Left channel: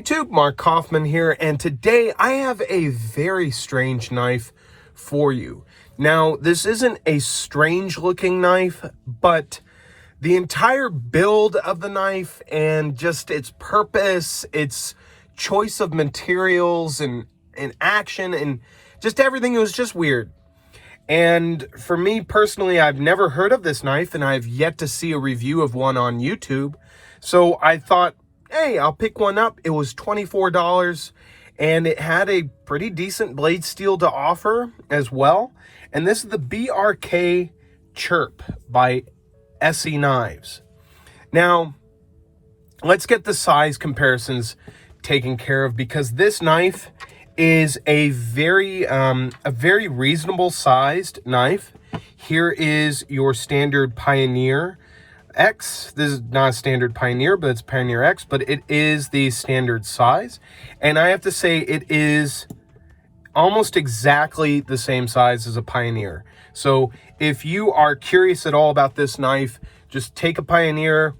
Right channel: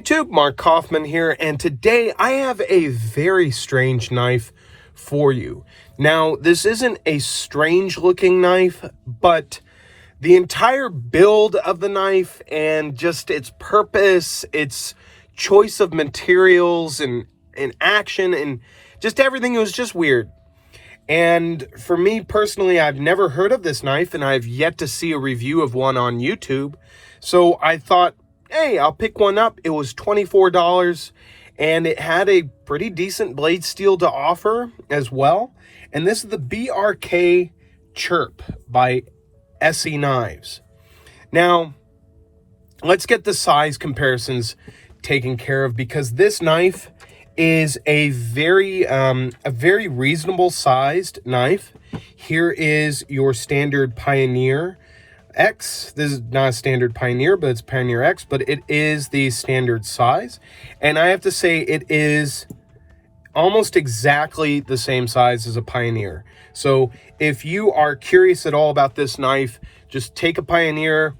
YouTube, Mark Kaufman here, and today I have a very strange knife for you. Now, this isn't a strange looking knife, but the entire build of the knife and just its purpose, its choice of materials and action and just everything, it was just weird. And for me personally, I've never heard of this knife and I've yet to see a review of one on YouTube. So I thought, hey, I'll pick one up. It was $24 and it had a pretty decent blade steel to offer as well. And this is the BRK Chirp by Esee knives. Now, let's get the size comparisons taken care of, because this knife is a very reasonable sized knife. Here is your standard Pioneer X. This is not a standard Pioneer, but it's Pioneer X, but it is the standard size. And I have to say it is almost exactly the same size as a Pioneer. So if you are curious at all about this knife, just take a Pioneer,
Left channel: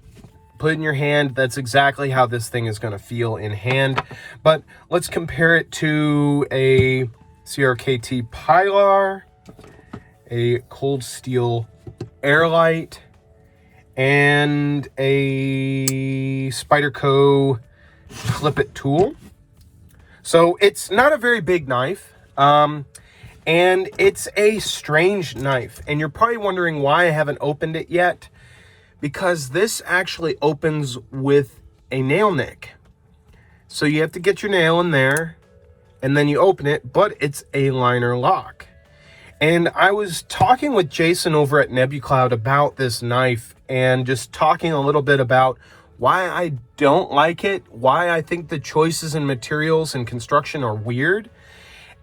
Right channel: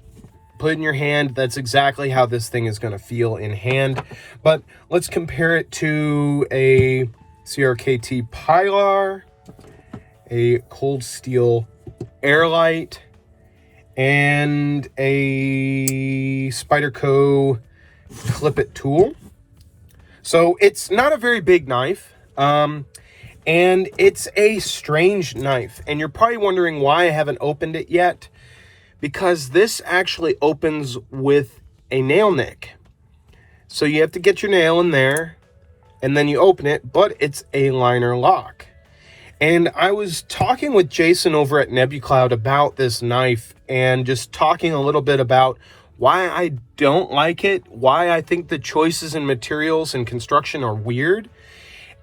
put it in your hand. That's exactly how this thing is going to feel in hand. But let's compare it to a CRKT Pilar, a Cold Steel Airlight, and a Spyderco Clip It tool. So it's not a very big knife, and it's a strange knife. And you're probably wondering why I haven't opened it yet, because this actually opens with a nail nick. So you have to get your nail in there, and then you open it, but it's a liner lock. And I was talking with Jason over at NebuCloud about this knife and just talking a little bit about why I don't like it, why I think the choices in materials and construction are weird.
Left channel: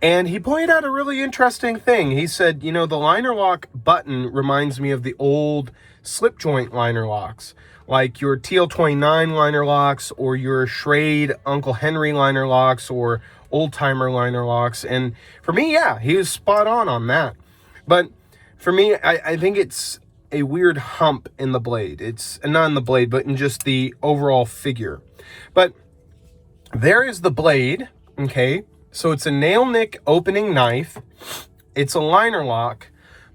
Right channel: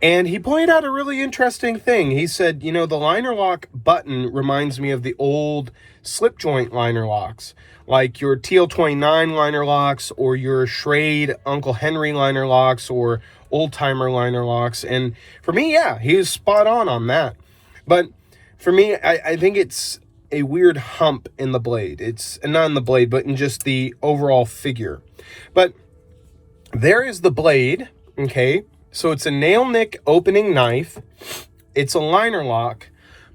And he pointed out a really interesting thing. He said, you know, the liner lock button reminds me of the old slip joint liner locks, like your TL29 liner locks or your Schrade Uncle Henry liner locks or old timer liner locks. And for me, yeah, he is spot on that. But for me, I think it's a weird hump in the blade. It's not in the blade, but in just the overall figure. But there is the blade, okay? So it's a nail nick opening knife. It's a liner lock,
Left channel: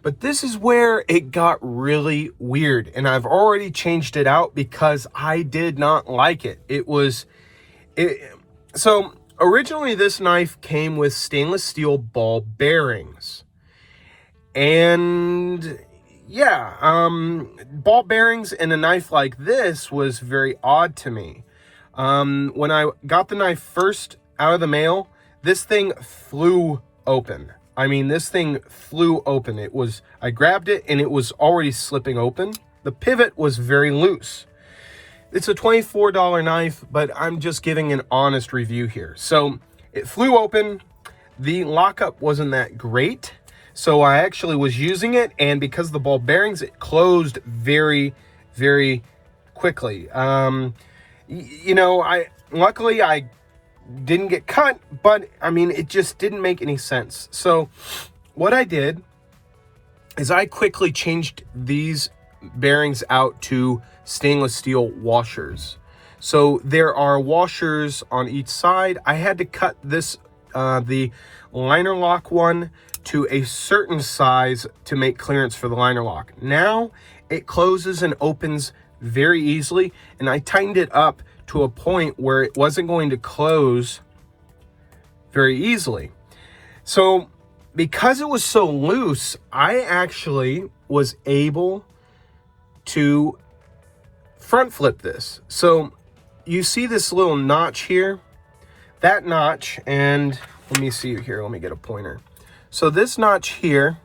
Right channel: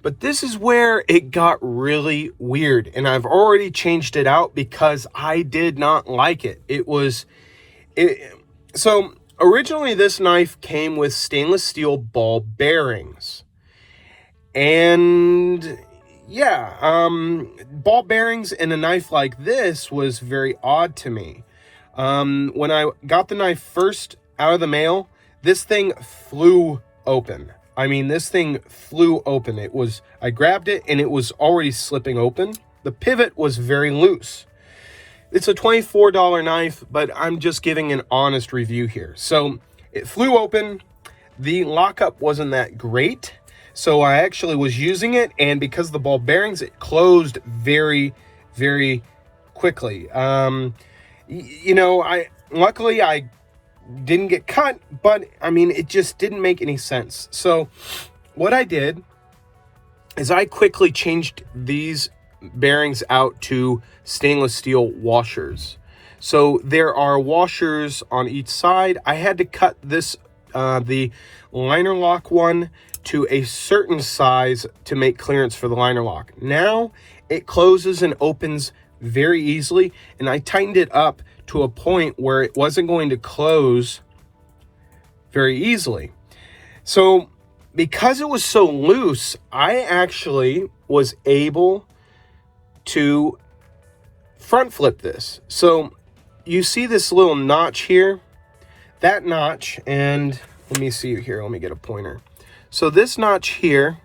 but this is where it got really weird. And I've already changed it out because I did not like it. So originally this knife came with stainless steel ball bearings. And yeah, ball bearings in a knife like this was very odd to me. When I got the knife first out of the mail, this thing flew open. I mean, this thing flew open. I grabbed it and it was already slipping open. The pivot was very loose. It's a $24 knife, but I'm just giving an honest review here. So it flew open. The lockup wasn't that great. So I actually was using it, and because of the ball bearings, it closed very, very quickly. You know, luckily I didn't get cut, but I mean, it just didn't make any sense. So what I did is I quickly changed these bearings out to stainless steel washers. So there are washers on each side. I had to cut this, the liner lock one, to a certain size to make clearance for the liner lock. Now it closes and opens very easily, and I tightened it up to a point where it wasn't going to close very easily. So because it was so loose, I actually was able to front flip this. So you see this little notch here, that notch, and let me see here, let me get a pointer. So this notch here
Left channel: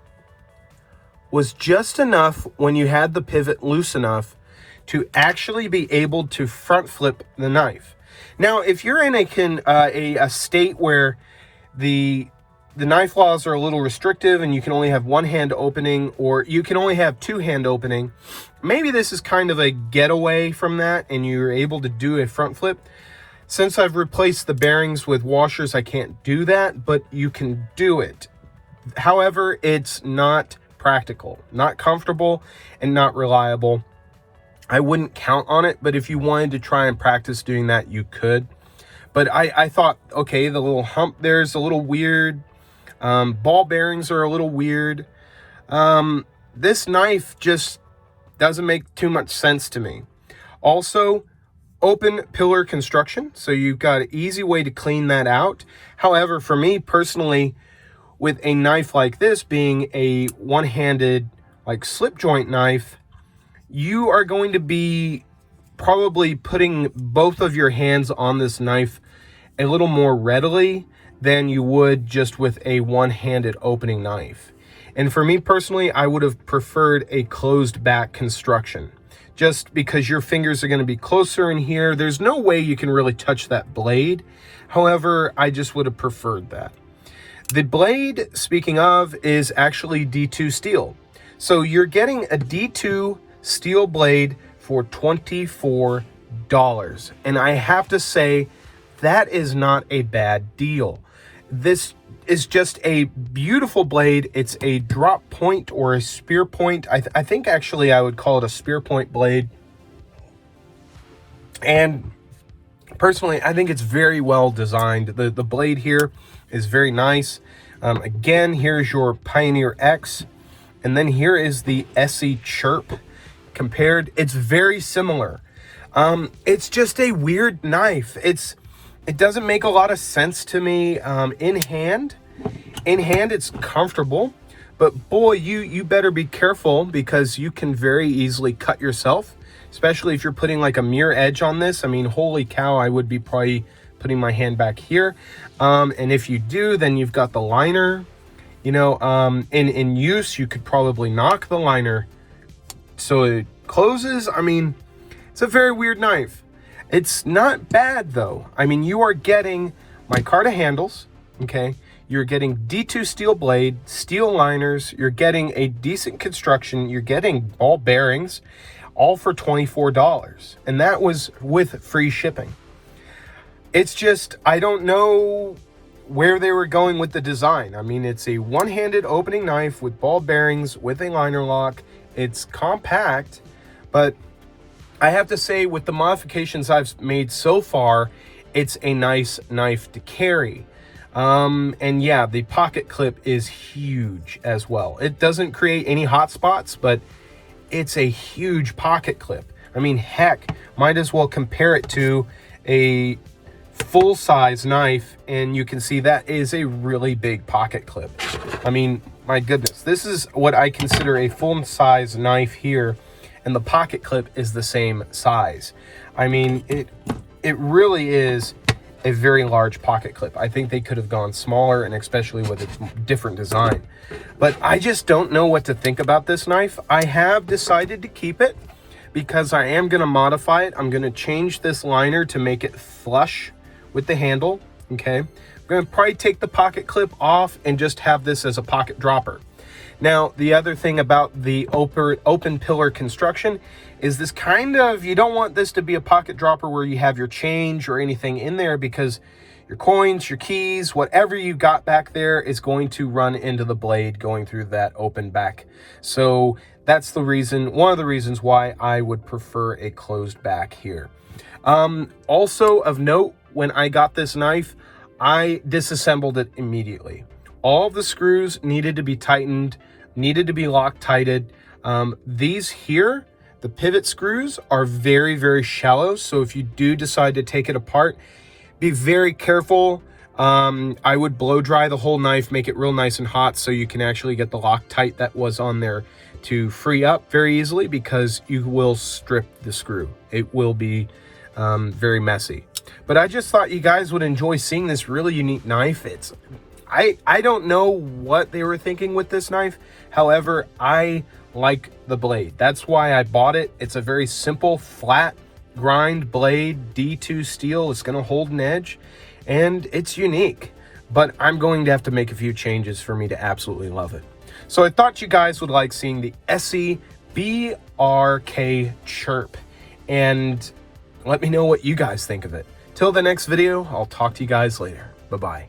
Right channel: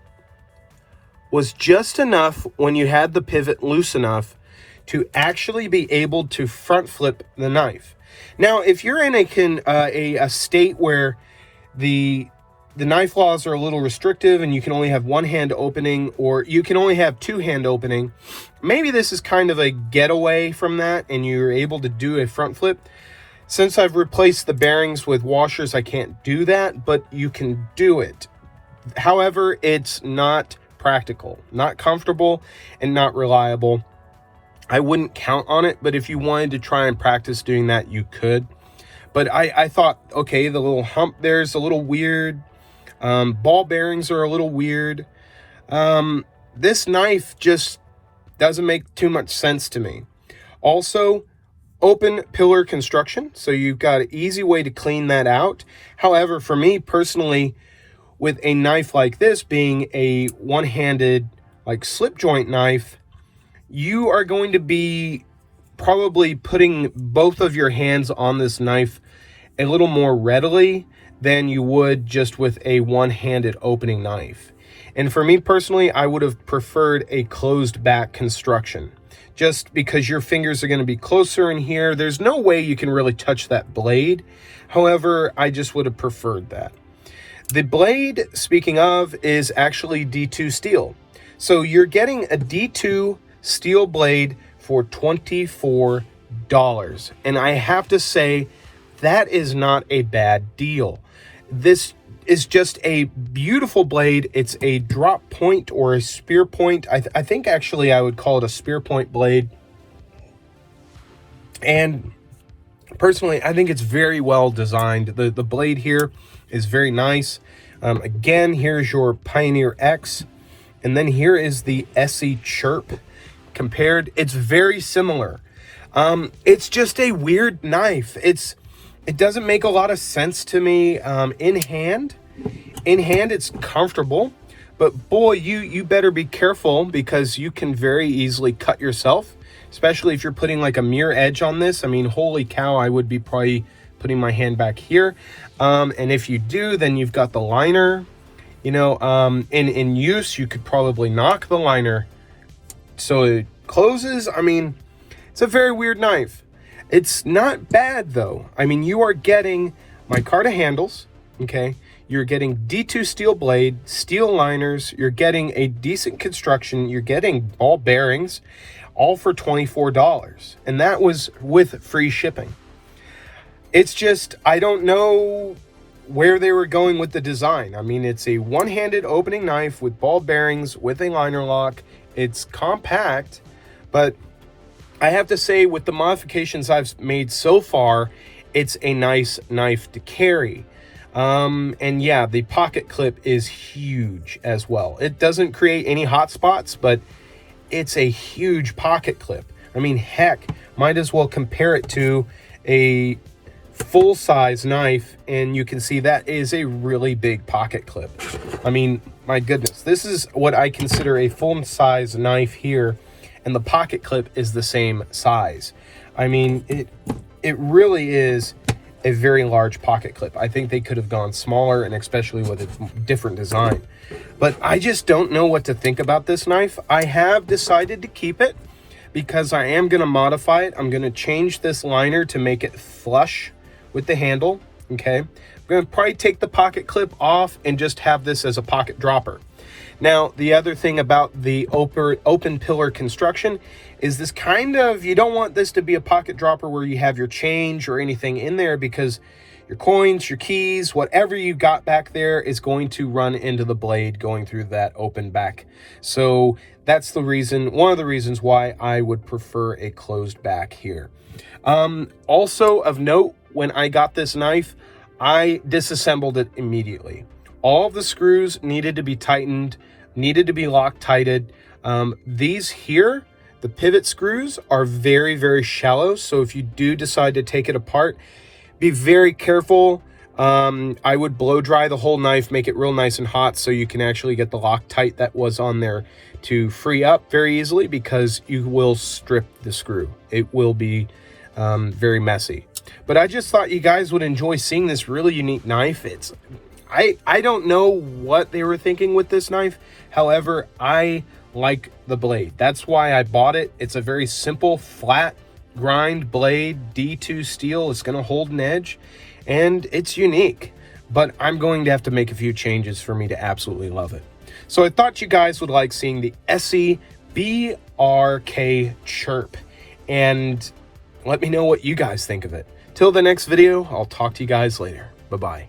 was just enough when you had the pivot loose enough to actually be able to front flip the knife. Now, if you're in a state where the knife laws are a little restrictive and you can only have one hand opening, or you can only have two hand opening, maybe this is kind of a getaway from that and you're able to do a front flip. Since I've replaced the bearings with washers, I can't do that, but you can do it. However, it's not practical, not comfortable, and not reliable. I wouldn't count on it, but if you wanted to try and practice doing that, you could. But I thought, okay, the little hump there's a little weird. Ball bearings are a little weird. This knife just doesn't make too much sense to me. Also, open pillar construction, so you've got an easy way to clean that out. However, for me personally, with a knife like this being a one-handed like slip joint knife, you are going to be probably putting both of your hands on this knife a little more readily than you would just with a one-handed opening knife. And for me personally, I would have preferred a closed back construction, just because your fingers are going to be closer in here. There's no way you can really touch that blade. However, I just would have preferred that. The blade, speaking of, is actually D2 steel. So you're getting a D2 steel blade for $24. And I have to say, that is not a bad deal. This is just a beautiful blade. It's a drop point or a spear point. I think actually I would call it a spear point blade. And personally, I think it's very well designed. The blade here is very nice. Again, here's your Pioneer X. And then here is the Esee Chirp. Compared, it's very similar. It's just a weird knife. It doesn't make a lot of sense to me. In hand, it's comfortable, but boy, you better be careful, because you can very easily cut yourself, especially if you're putting like a mirror edge on this. I mean, holy cow, I would be probably putting my hand back here. And if you do, then you've got the liner, you know, in use, you could probably knock the liner so it closes. I mean, it's a very weird knife. It's not bad though. I mean, you are getting micarta handles, okay? You're getting D2 steel blade, steel liners, you're getting a decent construction, you're getting ball bearings, all for $24. And that was with free shipping. It's just, I don't know where they were going with the design. I mean, it's a one-handed opening knife with ball bearings, with a liner lock. It's compact, but I have to say, with the modifications I've made so far, it's a nice knife to carry. And yeah, the pocket clip is huge as well. It doesn't create any hot spots, but it's a huge pocket clip. I mean, heck, might as well compare it to a full-size knife, and you can see that is a really big pocket clip. I mean, my goodness, this is what I consider a full-size knife here, and the pocket clip is the same size. I mean, it really is a very large pocket clip. I think they could have gone smaller, and especially with a different design. But I just don't know what to think about this knife. I have decided to keep it because I am going to modify it. I'm going to change this liner to make it flush with the handle, okay? I'm going to probably take the pocket clip off and just have this as a pocket dropper. Now, the other thing about the open pillar construction is this kind of, you don't want this to be a pocket dropper where you have your change or anything in there, because your coins, your keys, whatever you got back there is going to run into the blade going through that open back. So that's the reason, one of the reasons why I would prefer a closed back here. Also of note, when I got this knife, I disassembled it immediately. All of the screws needed to be tightened, needed to be Loctited. These here, the pivot screws, are very, very shallow. So if you do decide to take it apart, be very careful. I would blow dry the whole knife, make it real nice and hot so you can actually get the Loctite that was on there to free up very easily, because you will strip the screw. It will be very messy. But I just thought you guys would enjoy seeing this really unique knife. I don't know what they were thinking with this knife. However, I like the blade. That's why I bought it. It's a very simple, flat grind blade, D2 steel. It's going to hold an edge, and it's unique. But I'm going to have to make a few changes for me to absolutely love it. So I thought you guys would like seeing the Esee BRK Chirp, and let me know what you guys think of it. Till the next video, I'll talk to you guys later. Bye-bye.